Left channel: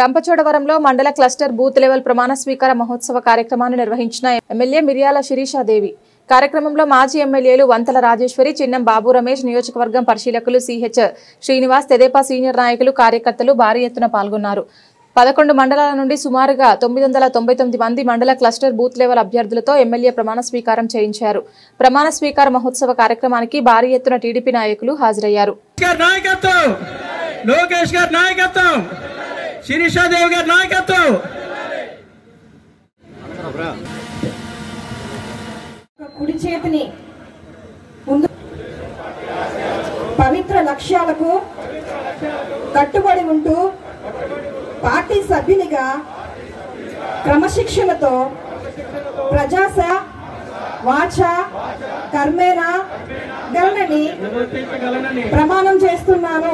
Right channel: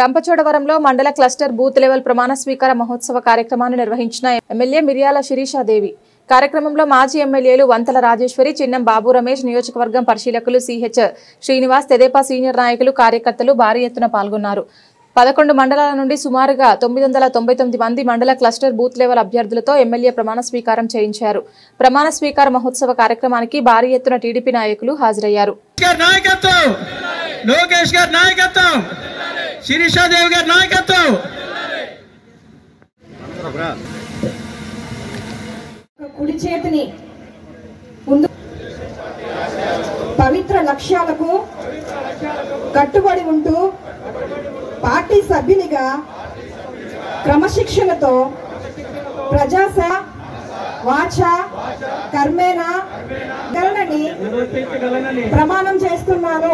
రంపచోడవరంలో మండల cluster booth level ప్రమాణ స్వీకార మహోత్సవ కార్యక్రమాన్ని నిర్వహించిన ఎమ్మెల్యే మిర్యాల శిరీషాదేవి. కార్యక్రమంలో మాజీ ఎమ్మెల్యేలు వంతల రాజేశ్వరి, చిన్నం బాబు రమేష్, నియోజకవర్గం పరిశీలకులు సిహెచ్ శ్రీనివాస్, తెదేపా సీనియర్ నాయకులు, కార్యకర్తలు భారీ ఎత్తున పాల్గొన్నారు. 11 మండలాల నుండి సుమారుగా 999 మంది మండల క్లస్టర్ బూత్ లెవెల్ అభ్యర్థులతో ఎమ్మెల్యే ప్రమాణ స్వీకారం చేయించారు. ప్రమాణ స్వీకార మహోత్సవ కార్యక్రమానికి భారీ ఎత్తున టీడీపీ నాయకులు హాజరయ్యారు. కుడి చేతిని ముందు పవిత్ర లక్ష్యాలకు కట్టుబడి ఉంటూ పార్టీ సభ్యునిగా క్రమశిక్షణతో ప్రజాసేవ వాచ కర్మేణ గలనని ప్రమాణం చేస్తున్నాను.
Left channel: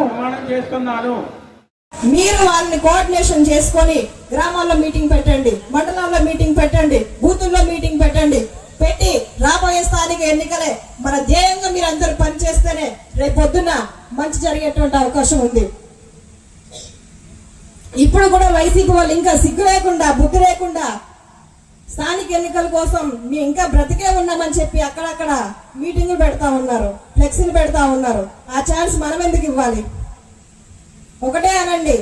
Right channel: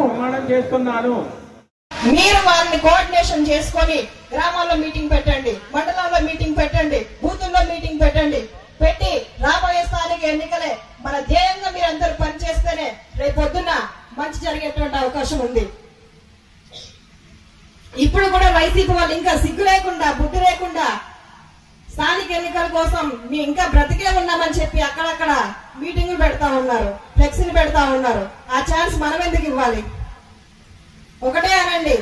మీరు వాళ్ళని కోఆర్డినేషన్ చేసుకొని గ్రామాల్లో మీటింగ్ పెట్టండి, మండలాల్లో మీటింగ్ పెట్టండి, బూతుల్లో మీటింగ్ పెట్టి రాబోయే స్థానిక ఎన్నికలే మన ధ్యేయంగా మీరు అందరూ పనిచేస్తేనే రేపు పొద్దున్న మంచి జరిగేటువంటి అవకాశం ఉంది. ఇప్పుడు కూడా వైసీపీ వాళ్ళు ఇంకా సిగ్గు లేకుండా బుద్ధి లేకుండా స్థానిక ఎన్నికల కోసం మేము ఇంకా బ్రతికే ఉన్నామని చెప్పి అక్కడక్కడ మీటింగ్లు పెడతా ఉన్నారు, ఫ్లెక్సీలు పెడతా ఉన్నారు. ఆ ఛాన్స్ మనం ఎందుకు ఇవ్వాలి? ఒకటే అనండి,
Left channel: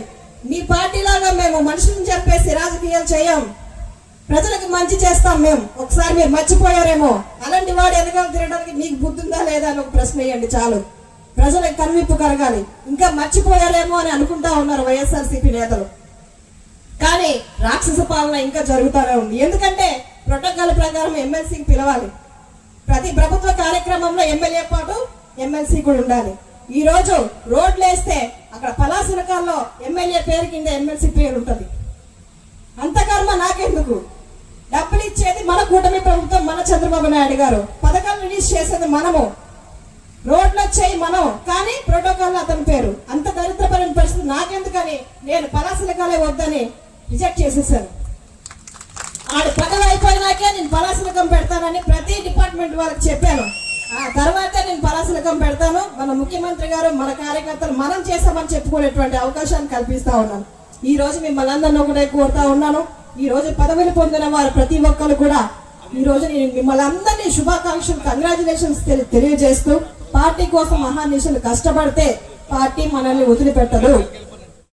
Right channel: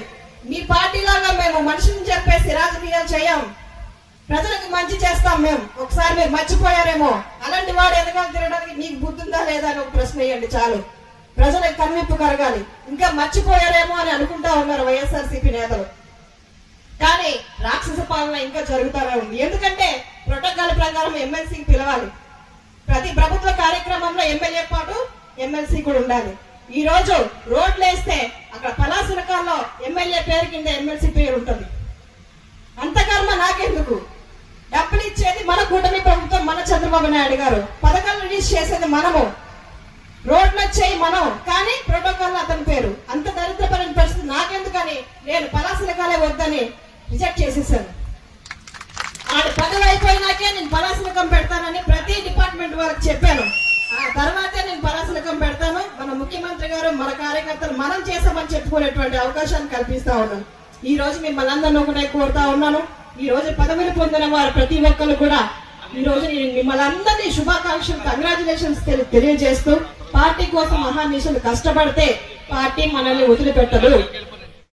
మీ పార్టీ లాగా మేము మనుషులను చెప్పేసి రాజకీయాలు చేయం, ప్రజలకు మంచి చేస్తాం. మేము ఒకసారి మీరు మర్చిపోయారేమో, అలాంటి వాడు ఎనగా తిరగడానికి మీకు బుద్ధి ఉందా లేదా అని ఒక ప్రశ్న వేయండి చాలు. ప్రజలకు కన్విప్పు కలగాలి. ఇంకా మర్చిపోయారేమో అని అనుకుంటా ఉన్నారు వైఎస్ఆర్సీపీ నేతలు. కానీ రాక్షస పాలన ఇంకా జరుగుతూనే ఉంది. ఎందుకంటే ప్రోటోకాల్ ప్రకారం ఎమ్మెల్సీకి పిలవాలి. ప్రతి ప్రభుత్వ కార్యక్రమంలో ఎమ్మెల్యే పాటు ఎమ్మెల్సీ కూడా ఉండాలి. ఈ రోజు రోడ్లు వేస్తే అక్కడ పలాసనకాల్లో ఎమ్మెల్యే పేరు కింద ఎమ్మెల్సీ పేరు ఉంటుంది. అంత కర్మ నాకెందుకు? డబ్బులు ఇచ్చేది మన కూటమి ప్రభుత్వం, మన చంద్రబాబు నాయుడు గారు. పథకాలు రిలీజ్ చేసేది మనము, రోడ్లు వచ్చాయి మనం, కానీ ప్రోటోకాల్ అతని పేరు. అంత దరిద్రపరమైన పరిస్థితి నాకెందుకని నేను పలాసనకాలే వద్దని రిజెక్ట్ చేసేసాను. ఆడి పదవి అయిపోయినాకే నేను పలాసనకం పెడతానని ప్రతి డిపార్ట్మెంట్ వారికి చెప్పాను. ఆ తర్వాత నేను పలాసనకం పెడతాను. మన ముఖ్యమంత్రి గారు, మన కార్యకర్తలు మనం చేసామని చెప్పుకునేటువంటి అవకాశాన్ని కల్పిస్తా ఉన్నాను. ఈ రోజు మిమ్మల్ని అందరినీ ఒకటే కోరుతా ఉన్నాను. ఈ రోజు పదవులు పొందిన వారు ప్రతి ఒక్కరు కూడా ఈ రోజు నేను మిమ్మల్ని అందరినీ శుభాకాంక్షలు, కంగ్రాచులేషన్స్ తెలియజేస్తూ, పార్టీ కోసం మహానిషులు కష్టపడితే పార్టీ మనల్ని వదిలిపెట్టదు.